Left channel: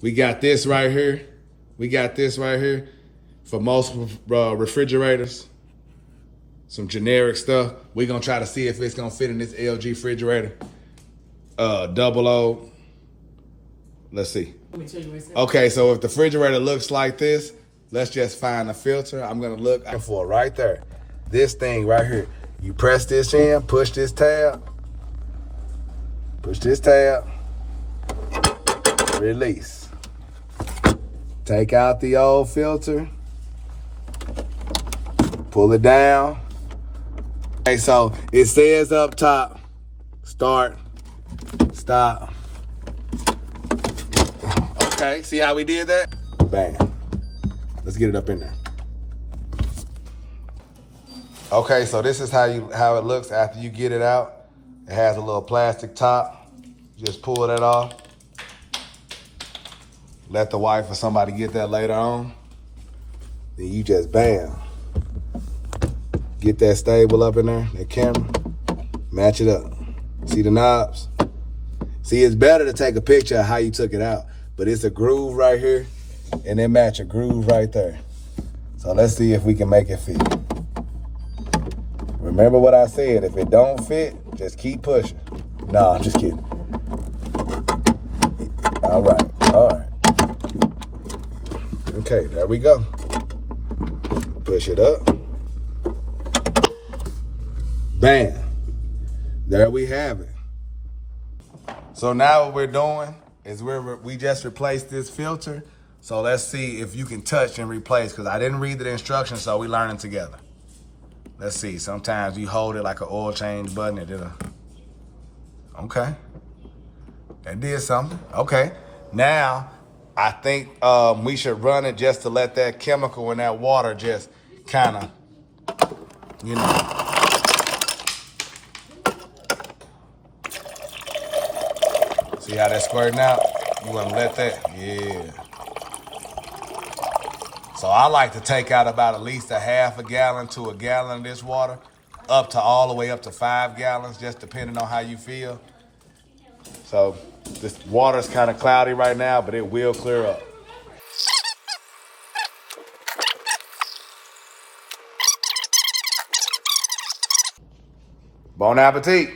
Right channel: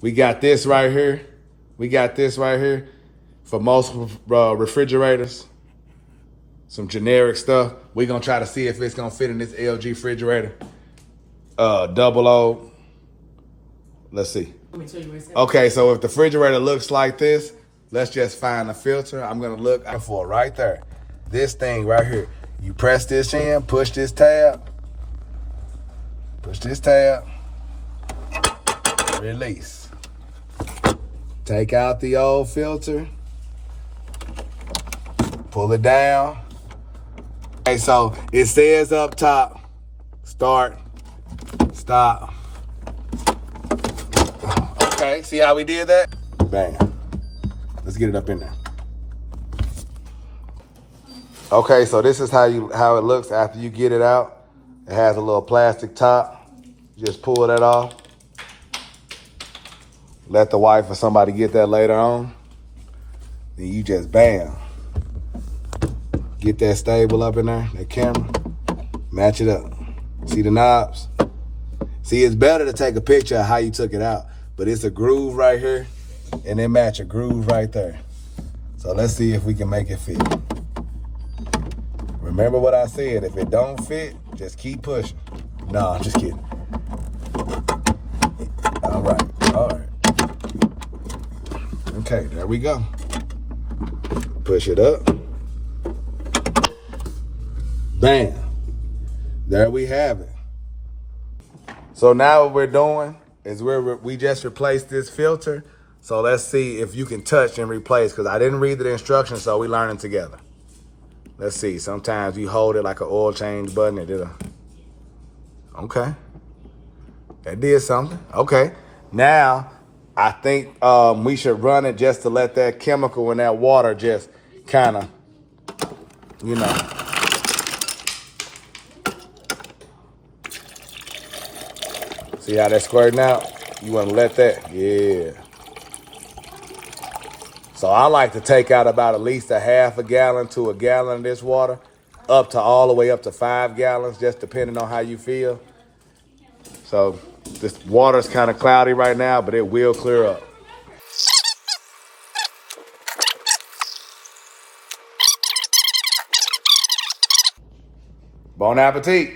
We got this right here. We got this right here for most refrigerators. Some generic stuff. We're gonna try to see if it's gonna fit in this LG refrigerator. Double O. Let's see. Let me tell you what it says. Okay, so if the refrigerator looks like this, let's just find a filter. I'm gonna look for it right there. This thing right here. You press this in, push this tab, release. Take out the old filter, pull it down. Okay, so it says up top, start, stop. Okay, see how we did that? Bam. Let's get it up in there. Okay, so this is how it looks after you get it out. It has a little plastic top. Just pull that off. Let the wife or somebody get that later on. Then you just bam. Get that stable up in there, that camera. Match it up. See the knobs? See, it's better to take a picture of how you took it out, but it's a groove right here, and then match a groove right there. So let's see if we can make it fit. Remember what I said, if it don't fit, just keep pushing. No, I'm just kidding. All right. Okay, there we go. Push it up. Bam. There we have it. So now what we're doing is we just replaced this filter. So let's see if you can touch and replace, because I didn't read the instructions, so we learning together. Let's see, sometimes you hold it like an oil change button. Okay. That did something. Okay. Now, I think we should run it just to let that chemical and that water just kind of, See how that's squirting out? You want to let that, yeah. So I like to take out about at least a half a gallon to a gallon of this water, up to all the way up to 5 gallons, just depending on how you feel. So this water's kind of cloudy right now, but it will clear up. Bon appetit.